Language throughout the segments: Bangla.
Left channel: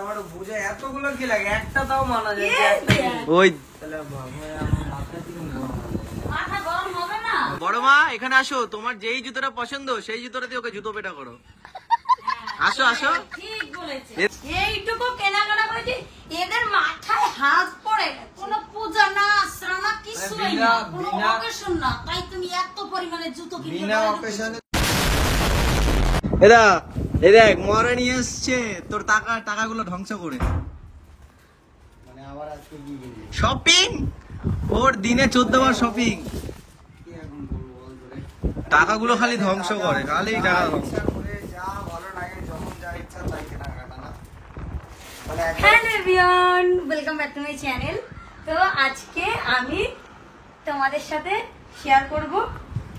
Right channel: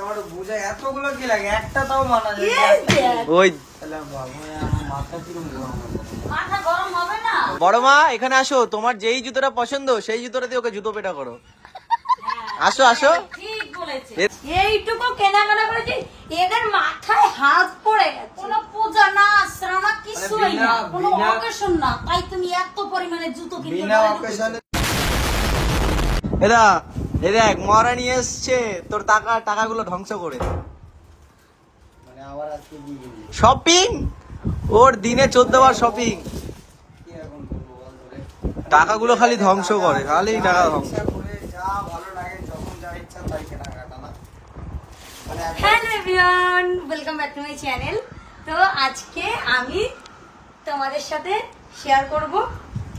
আমার বুঝা এতগুলো কি লাগে, একটা তাও মানা যায়। ওই মাথা কিরম মাথা গরম হবে না? বড় মা এখানে আসো, তোমার যেই জুতোটা পছন্দ সেই জুতোটা দিয়ে ওকে জুতো পেটা করো। আসো আসো। ঠিক বলেছে। এইটুকু কেনাকাটা করেছি, এদের মাথায় হাত পড়ে গেছে। কোনো পূজা না, শ্রাবণ না, কিছুই না, কোনো অকেশন না, তাই তুমি এত পরিমাণে জুতো কিনতে বিনা অকেশনে। এদা এই দেখ মরা নিয়ে এসছে তোর টাকাগুলো ধ্বংস করে। মানে আবার আজকে কি কিনলি? শপিং, ওর দিনে 14 বার শপিং। কি এখন করবো বল তোরে? টাকাগুলো খালি ধ্বংস করে, খালি টাকা ধ্বংস। ইচ্ছা করে যা ভালো লাগে, যখন যা ইচ্ছা তাই কেনাকাটা না। মানে hello everyone, welcome back to my channel. তো আজকে আমি তোমাদের সাথে শেয়ার করব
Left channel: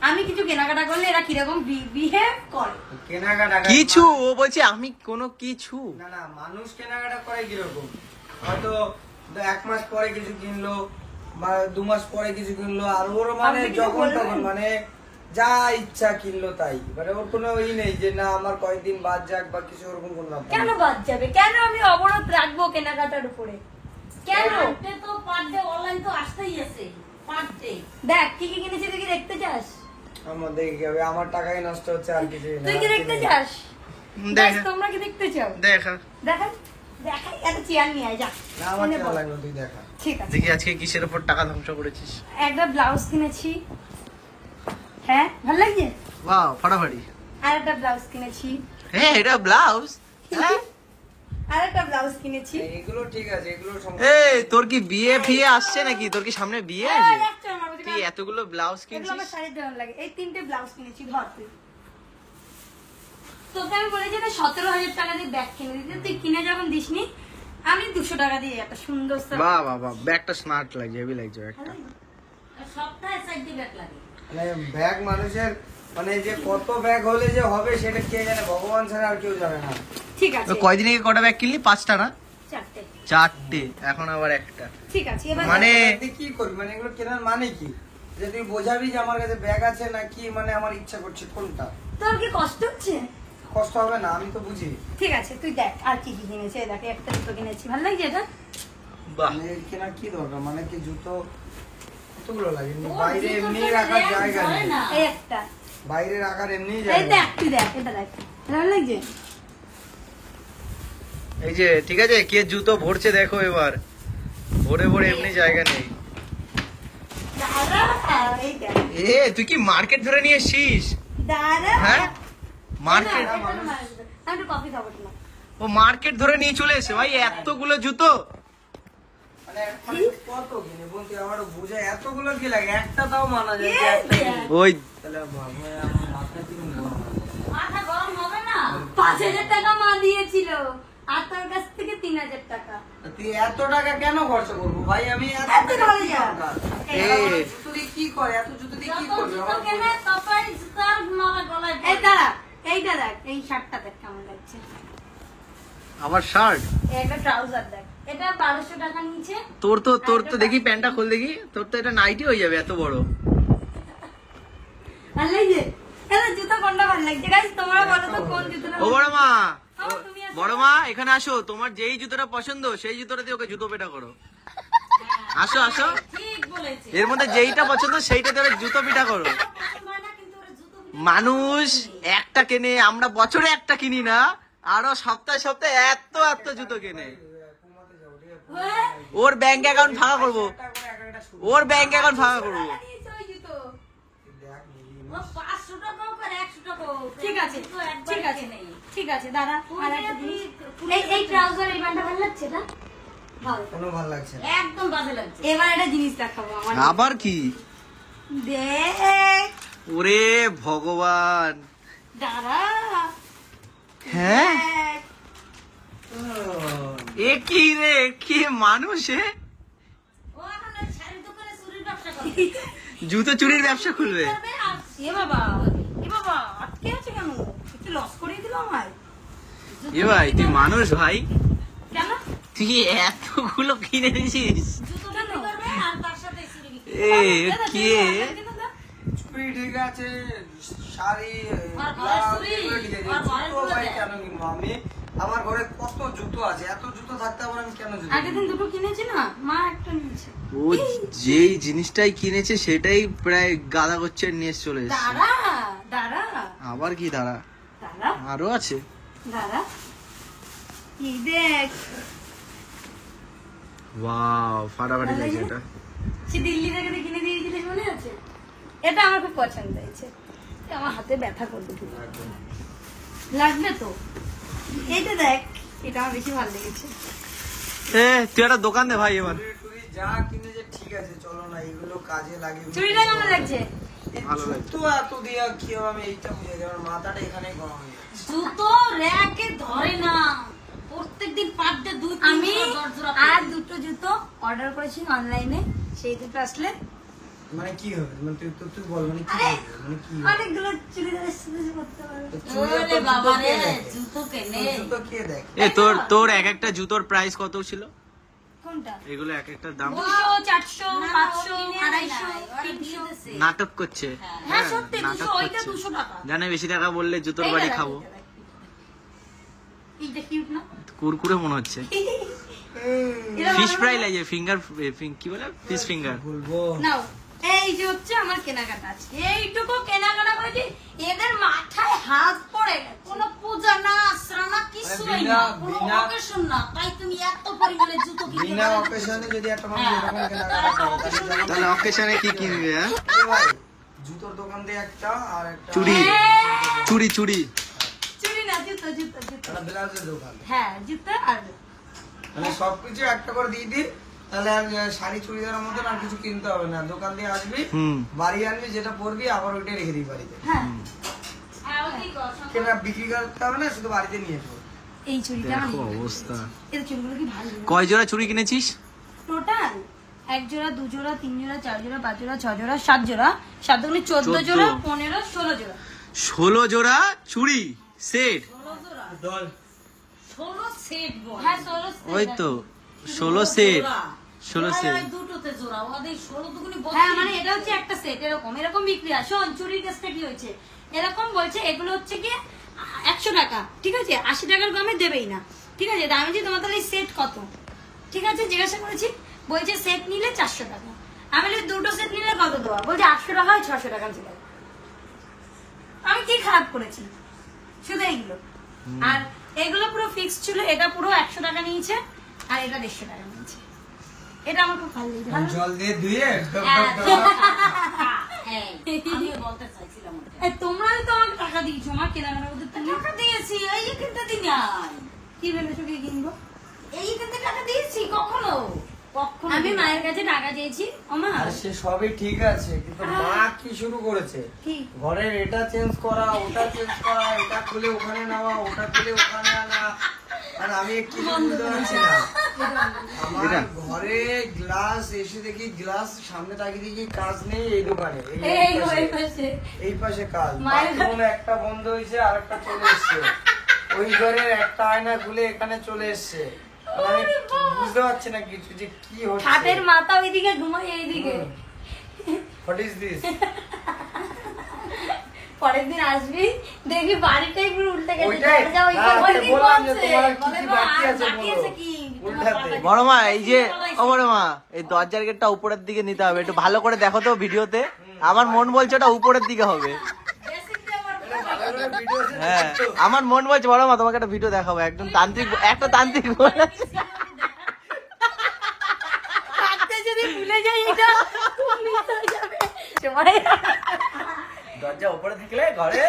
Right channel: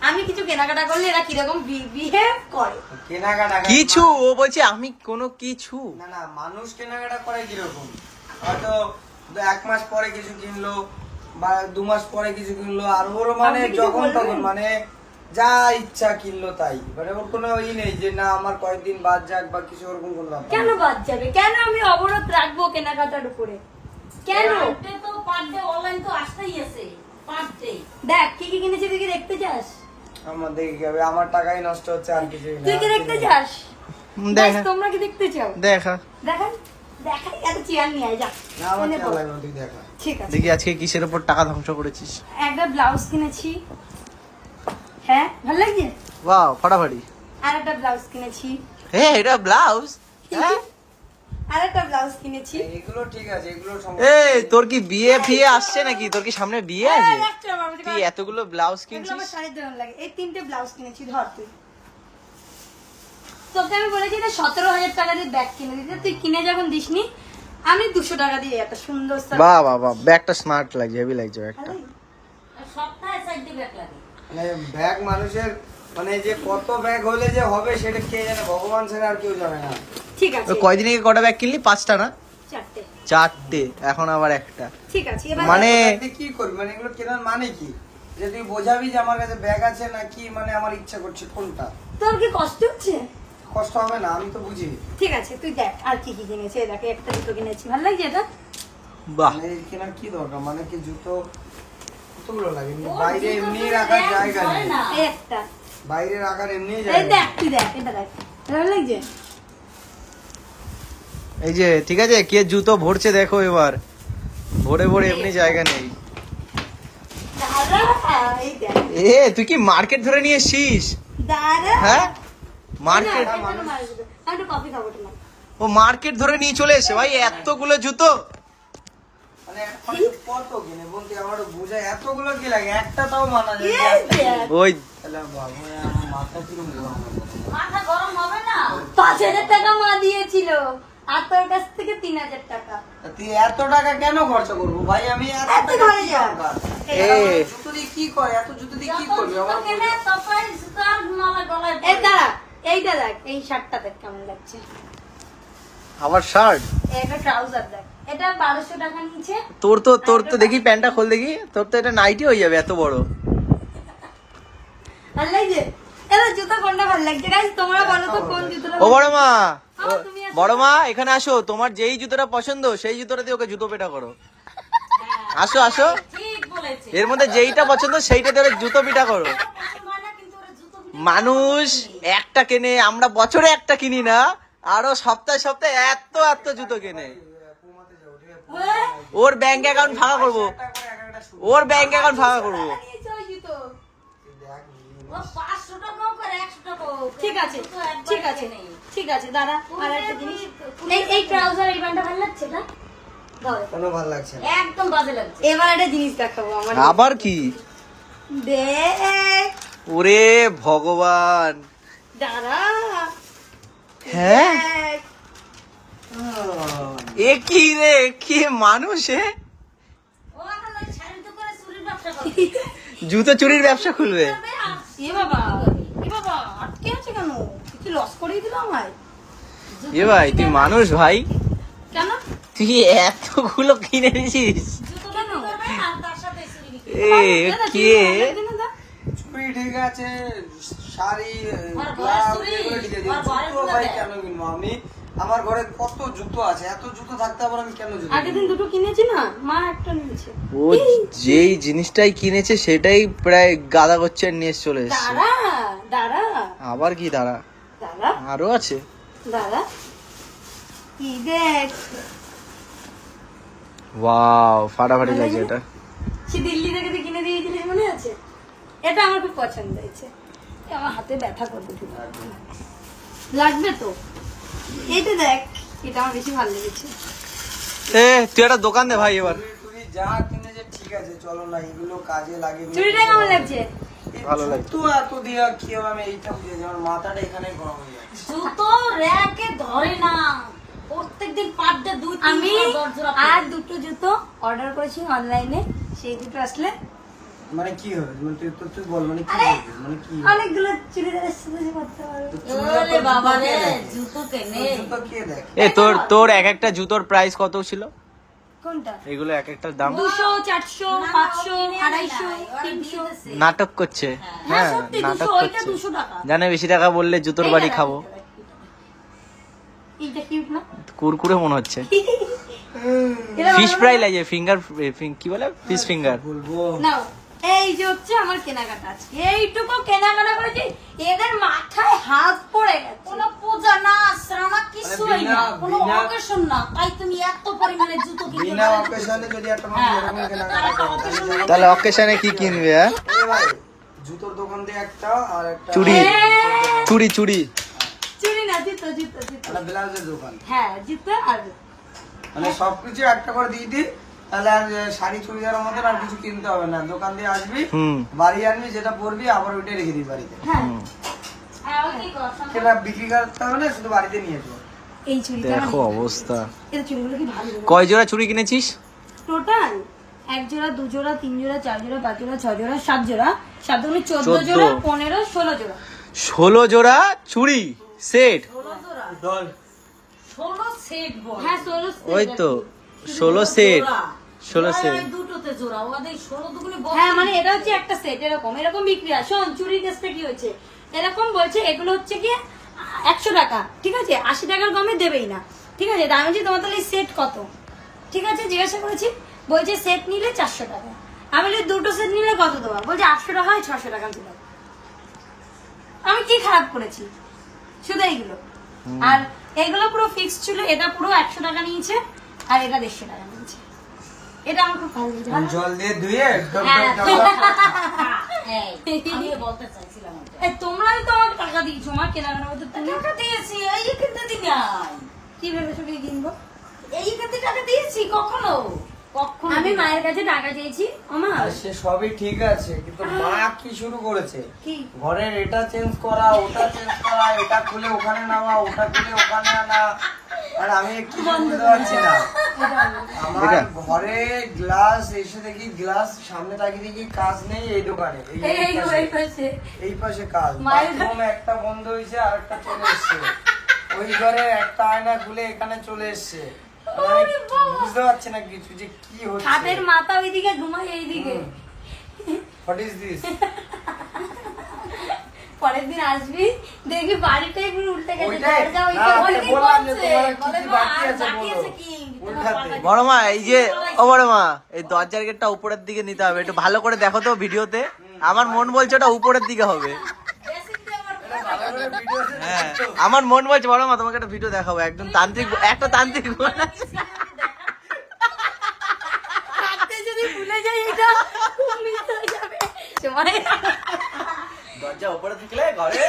আমি কিছু কেনাকাটা করলে এরা কিরকম বিহেভ করে। কেনাকাটা কিছু ও বলছে আমি কোনো কিছু না না, মানুষ কেনাকাটা করে কিরকম, হয়তো 1 মাস পরে কিছু কিনলো বা 2 মাস পরে কিছু কিনলো, আর ওর মানে আপনি কিছু যখন বলবেন? তখন মানে যা ইচ্ছা কিনলো তাই, মানে ওর কোনো ই নেই যে না আমার কয়েকদিন বাদ যাক বা কিছু, ওরকম কোনো ব্যাপার কেন নেই। বাদ যাবে? কেন আমি অবরোধ রাখবো কেনাকাটার উপরে? কেন? তো পার ডে অনলাইন তো আসতেই আছে, পার ডে। দেখ কি কি কিনেছি, তুই কি দেখতে চাস? আমার দেখে কি হবে, আমার টাকাই নষ্ট হচ্ছে আর কিছু না। তুই কি দেখতে চাস? দেখ তোমরা কি দেখতে চাও? দেখা দেখাই দেখাই, এত চেয়ার নিয়ে আয়, যা। না আমার এনে কেমন বল। লাগলো তুই দেখা। ঠিক আছে। দেখি আজকে কিসের উপর টাকা ধ্বংস করেছিস। একটা ব্লাউজ কিনেছি, হ্যাঁ ভালো লাগছে। বাহ ফাটাফাটি। আর একটা ব্লাউজ কিনেছি, হ্যাঁ এটা ব্লাউজ। হ্যাঁ আর একটা ব্লাউজ কিনেছি। এগুলো ঠিক আছে, এগুলো এই তোর কি বিয়ে ফিয়ে আসছে নাকি? তোর কি সামনে বিয়ে আছে? তুই এতগুলো ব্লাউজ এগুলো কিনছিস? আমার শাড়ির দেওয়ার লাগে। এই 3টে ব্লাউজ কিনেছি, ধর তুই। তোকে আমি বলেছি না 17,000 টাকা দিয়ে ব্যাগ কিনে দিতে, তুই কিনে যখন দিসনি, আমি 200 টাকা দিয়ে একটা সুন্দর বাহ বাহ বাহ, ব্যাগটা স্মার্ট লাগছে, হেভি লাগছে ব্যাগটা। সপ্তাহে 4 ব্যাগ লাগে। মানে ব্যাগ মানুষের মানে যে কত ব্যাগ হলে যে হবে সেটা কে জানে, ভগবান ছাড়া আর কেউ জানে না। ঠিক আছে, কয়দিন আগে কটা ব্যাগ কিনলি? 5টা না 4টে। 4টে, এখন আবার একটা। ঠিক আছে, এবার মানে তুই কি করবি, মানে এগুলো কেনার মানে কি? যে তুই বোঝাবি যে আমার কাছে ব্যাগ আছে নাকি, মানে আমার ইচ্ছা করছে কোনটা? তোর কি কষ্ট হচ্ছে? কষ্ট হবে না, আমি তো বুঝি। ঠিক আছে, তুই দেখ আর কি কি কিনেছে। এই দেখ, একটা জুতো কিনেছি, ভালো লাগছে এটা। বাহ, মানে কেনার কি দরকার, মানে কি জুতো কতগুলো লাগে? বাইরে এমনি রাখার জায়গা নেই, এই একটা, বাইরে রাখার এমনি এই জায়গা দেখ নেই। তুই দেখ, এটা দেখ, ভালো লাগছে। এই যে ঠিক আছে, কে জুতো ভরছে দেখো এবার, ভরে ভরে এমনি জায়গা নেই। দাদা এই দেখ, এ তুই কি মার্কেট ধরে নিয়ে এসছিস? দাদা হ্যাঁ মার্কেট, আমি একটু কফি খাবো তোমার। ও মার্কেট ধরে নিয়ে চলে এসে ভাই এতগুলো জুতো। মানে এখন কত কিনে বলতে আমার বোঝা এতগুলো কি লাগে, একটা তাও মানা যায়। এই দেখ, ওই তাহলে বাবা আমার মাথা কিরম গরম। মাথা গরম হবে না? 5,000 টাকা মা দিয়েছিল, আর তোর কাছ থেকে 3,000 টাকা। তুই এত টাকা কেন খরচা করবো ভাই? আমি এত এত টাকা ধরে কি যা। দরকার? এ জুতো দিয়ে কি করে, এত জুতো দিয়ে কি করবি আমার? এই দাঁড়া, এইটা দেখ, এই শার্টটা দেখ কেমন লাগছে। আমার শার্ট, একটা ট্রাউজার দেখ, এটা 1200 টাকা নিচে। তোর তো দেখি প্যান্টটা খোল দেখি, তোর তো এটা নাইটি হয়ে যাবে এত বড়। ভালো লাগছে? এবার জুতো কোনটা ভালো লাগছে গাইস, তোমরা বলো তো কোন জুতোটা। ও বড় মা, তুমি আসো। বড় মা এখানে আসো, তোমার যেই জুতোটা পছন্দ সেই জুতোটা দিয়ে ওকে জুতো পেটা করো। আসো আসো, ঠিক বলেছে। এর মধ্যে যেইটা পছন্দ সেইটা দিয়ে জুতো পিটা করো। কিন্তু ওরা জুতো মানুষ একটা কেনে, আমরা বছরে একটা কিনি না, আরো সপ্তাহে সপ্তাহে এত এত জুতো কেনে। ওর ব্যাংক অ্যাকাউন্ট ফাঁকা করবো, ওর ব্যাংক অ্যাকাউন্ট ফাঁকা করবো। ঠিক আছে ঠিক আছে ঠিক আছে দাদা, আর একটা জিনিস, এই ট্রাউজার এই প্যান্টটা ভালো লাগছে না? ভালো, কোনো ভালো লাগছে না। একদম বাজে লাগছে। এবার একটা জিনিস দেখাবো আমার, আবার কি? দেখ ওরে ভগবান, দাদা, হ্যাঁ দেখ। এ কি রে, কি মানুষ এ? জুতো চুরির ব্যবসা খুলবে? এ বাবা, এ বাবা, আটকে আছে কেন? তুই লস করিয়ে দিল আমায়। এ ভাই তুই মানুষ ভাই, কেন? তুই এতগুলো কিনে নিয়েছিস? কেন? এ কে? চুড়ি ঠিক আছে, শাড়ি, আর ব্লাউজ, চুড়ি, এগুলো ঠিক আছে। আর ঘরের জুতো ভাই চুড়ি কেন কিনবো আমি? আমার ঘরে কত জুতো আছে, এত জুতো থাকতে আবার আমি কেন জুতো আগের দিন দুটো কিনেছি না, মা একটা নিয়েছে। ও যেই জিনিসটাই কিনেছে সেটাই প্রায় গাদা করছে নিয়ে এসে চলে এসছে। দাঁড়া দাঁড়া আবার কি দাঁড়া, দাঁড়া আরো আছে। দাঁড়া, কি দেখ, ওয়াও ফাটাফাটি লাগছে এটা। সে দিল্লি থেকে কিনে দিয়েছিলি মনে আছে? এটা আমার খুব পছন্দ হয়েছে, আমার হাতে ব্যথা করবে ঠিক লাগবে তো। এইটা দেখ, এটা আমার বেশি ভালো লেগেছে। এ তুই একটা দোকান দে ভাই এবার। টুরি যা কিনে যে ঠিক আছে, চলো না এগুলো কাজে লাগে। চুড়িটা কেমন লাগছে? ভালো লাগছে। তো এত দিয়া কেউ আমি এইটা বুঝে আমার মাথাটা এখানে গরম হয়ে যায়। জুতো র্যাকে ধরে না, প্রত্যেকদিন পার ডে দুই আমি আর দুটো জুতো অর্ডার করেছি অনলাইনে, সেই দুটো আসলে মানে কি হবে, মানে তুই বল, মানে কি আরে, হবে, মানে কি অনেকগুলো চুড়িদারের সাথে করতে পারবো। ওরে বাবা রে, জুতো কেনে জুতো কে দেখ। এ তোর এক একটা জুতোর প্রাইস কত ছিল? কোনটা? এগুলো এক একটার দাম 200, 400, 500, 250, 300। নাটক করছে। হ্যাঁ হ্যাঁ সত্যি, নাটক 200, ওইটা করছে। 200 টাকা। জানে বেশি টাকা বললে জুতোর বাড়ি খাবো। এইটা কিউট না? কুরকুরে মনে হচ্ছে। এটা ফিশ ভালো ফ্রাই না? লাগে, ফিঙ্গার কি বলে, ফিশ ফিঙ্গার। বলবো নাও, এই যে হচ্ছে আমার কেনাকাটা আছে, এইটুকু কেনাকাটা করেছি, এদের মাথায় হাত পড়ে গেছে। কোনো পূজা না, শ্রাবণ কিছু হয় না, কোনো অকেশন না, তাই তুমি এত পরিমাণে জুতো কিনে বিনা অকেশনে যদি একটা মানুষ এরকম কেনাকাটা করে, তাহলে তাহলে অকেশনে কি কিনবে? হ্যাঁ এ ভাই, জুতোর দোকান দিয়ে একটা আর একটা চুড়ি চুড়ি চুড়ি চুরি না, জুতো জুতো জুতো। একটা ব্লাউজের দোকান, হ্যাঁ জুতো আর মানে সবকিছু একটা করে দিয়ে দিই, তাহলে আর শাড়ি চুড়িদারের মতন আর কিছু কিনতে হবে না। দোকান দিয়ে আসবি, হুম। বাড়ি আনবি, যেটা পরবি আবার ওইটাই রেখে দিই বাড়িতে। হ্যাঁ কেনা বিক্রি করতে হবে না, শুধু বাড়িতে নিয়ে আসবো। এই চুড়িটা দেখো অবস্থা। এটা চুড়িগুলো কি ভালো লাগে। কয় জোড়া চুড়ি কিনেছিস? টোটাল 1 জোড়া 2 জোড়া 3 জোড়া 4 জোড়া 5 জোড়া 6 জোড়া 7 জোড়া 7 দুগুণে 14 জোড়া 15 16 জোড়া 16 জোড়া চুড়ি সেট। 16 সেট বল। হ্যাঁ 16 সেট। ওই তো 16 সেট, 16 সেট। দুটোতে জোড়া ওদের 16 দুগুণে। হ্যাঁ মানে এটা হচ্ছে একটা সেট, এরকম এরকম বিক্রি হয়। শোন চুড়ির কেসটা কি হয়েছে, এরকম বলছে এগুলো হচ্ছে কি 100 টাকা, ঠিক আছে, 80 টাকার কমে দেবেই না, ঠিক আছে। আমি বলছি তোমার তাহলে সেট কত, ঠিক আছে, জিজ্ঞাসা করেছি, বলছে সেট নিলে 400 টাকা। আমি বলি দুটো সেট নিলে কত দেবো, বলছে 800 টাকা হয় 600 টাকা দেবো। আমি কি খারাপ করেছি, শুধু এইগুলো। আর এগুলো পুরো ফিক্স ছিল, এটা পুরো 100 টাকা নিয়েছে আর এটা 150 টাকা নিয়েছে। এটা আমার খুব ভালো লেগেছে। ভালো? জল দিয়ে ধুয়ে ডব ডব ডব। বলতে চাইছিলাম তোমরাই তো আমার টাকা দিয়েছো, আমার কেনাকাটা করতে। তুমি টাকা দিয়েছি, এই কিনতে দিই না। কি ভেবেছো কি কিনবো, এই কিনতে টাকা দিয়েছি কখনো? কখনো আমি মায়ের কাছে টাকা চেয়েছি, ওমা আর সে সবই ঠিক আছে, কিন্তু মা কি শুরু করেছে, কি ঘরের এটা চেঞ্জ করা, ওটা চেঞ্জ করা, এটা খুলে ওখানে নেওয়া, ওটা খুলে ওখানে আনা। আর আমি একটু বুঝতে পারছি না, আমার ঘরে গ্লাস এসে দেখি, গ্লাস সামনে তাকিয়ে দেখি কাজ নেই এই দোকানে, এই পাশে কাজ, বাথরুম একটা বন্ধ হয়েছে আর একটা চলে এসছে, ওই ঘরে একটা আয়না খুলে এখানে চলে এসছে। আমি বুঝতে পারছি না কিছু যে কি হচ্ছে। হাতের মাথা ওইদিকে ঘুমাই এইদিকে। What is this? পরের দিন আসবি দেখবি বাড়িটাই পুরো উল্টে গেছে। ওইটাই দরজা ওই না, করে আমি বললাম যে বলছে, তোমার কি বলে কি তো বাকি আর আছে বাকি বলো, আছে কি? উল্টাতে। বড় মা এই যে, ও বড় মা এই দরজার গেটটা উপরের দিকে নিতে হবে, একটু ভালো করে দেখো তো ভিডিওতে। আমার মন বলছে ওটা উপরের দিকে হবে। হ্যাঁ আমার মন বলছে বড় মা তোমাকে একটা ভিডিও দেখাবো, একদম তান্ত্রিক, একটা তান্ত্রিক কাটতে যদি ভুলে যাই এটা খুব মিস হয়ে যাবে। সময় দরজা উপরে থাকলে ঘরে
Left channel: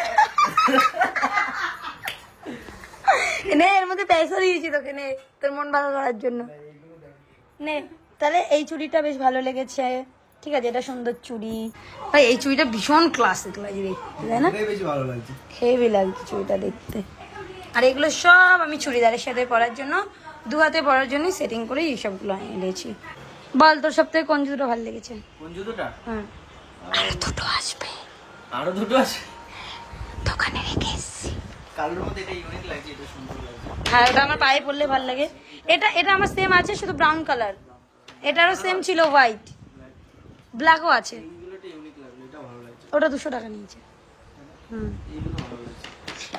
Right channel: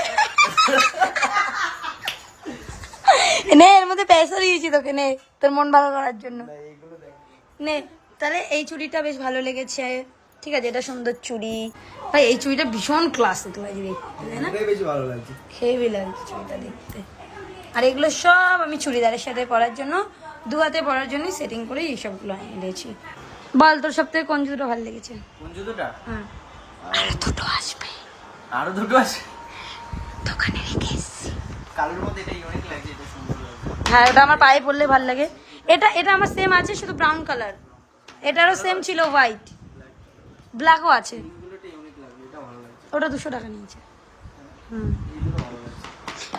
নে, এর মধ্যে পয়সা দিয়েছি তোকে, নে তোর মন ভালো করার জন্য নে। তাহলে এই চুড়িটা বেশ ভালো লেগেছে, ঠিক আছে, এটা সুন্দর চুড়ি। ভাই এই চুড়িটা ভীষণ ক্লাসিক লাগছে দেখতে, তাই না? বেশি ভালো লাগছে। হেভি লাগছে চুড়িটা দেখতে। আর এগুলো সব আমি চুড়িদারের সাথে পরার জন্য, দু হাতে পরার জন্য সেটিং করে এইসবগুলো এনেছি। বল তোর সব থেকে কোন জুতো ভালো লেগেছে? কোন জুতোটা? হ্যাঁ আর দুটো আসবে, আরো দুটো আছে দোকানে রেখে এসেছি। কালোর মধ্যে এটা ইউনিক লাগছে, এটা সুন্দর লাগছে। হ্যাঁ ওটা আমার পায়ে পরলে ভালো লাগে। এটা এটা আমার সেম আছে, শুধু ব্রাউন কালার। এটারও সেম ছিল, হোয়াইট ব্ল্যাকও আছে। এইগুলোটা ইউনিক লাগলো, এটা ভালো লাগছে। ওটা 200 টাকা নিয়েছে।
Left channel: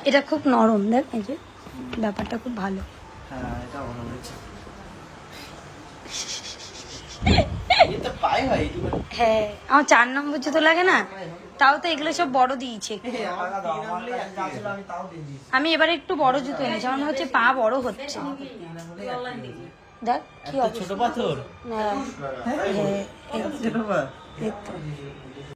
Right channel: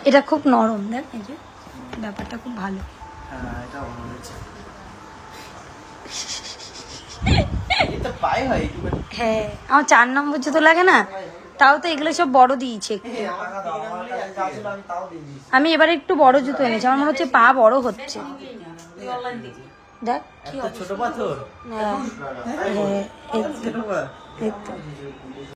এটা খুব নরম, দেখ এই যে ব্যাপারটা খুব ভালো। হ্যাঁ এটা ভালো হয়েছে। এটা পাই হয় একটুখানি। হ্যাঁ আমার 4 নম্বর জুতো লাগে না, তাও তো এগুলো সব বড় দিয়েছে একটু। আমি এবারে একটু বড় জুতো এনেছি, আমার মনে হচ্ছে পা বড় হচ্ছে। দেখ কি ছোট পাথর। হ্যাঁ এই তো।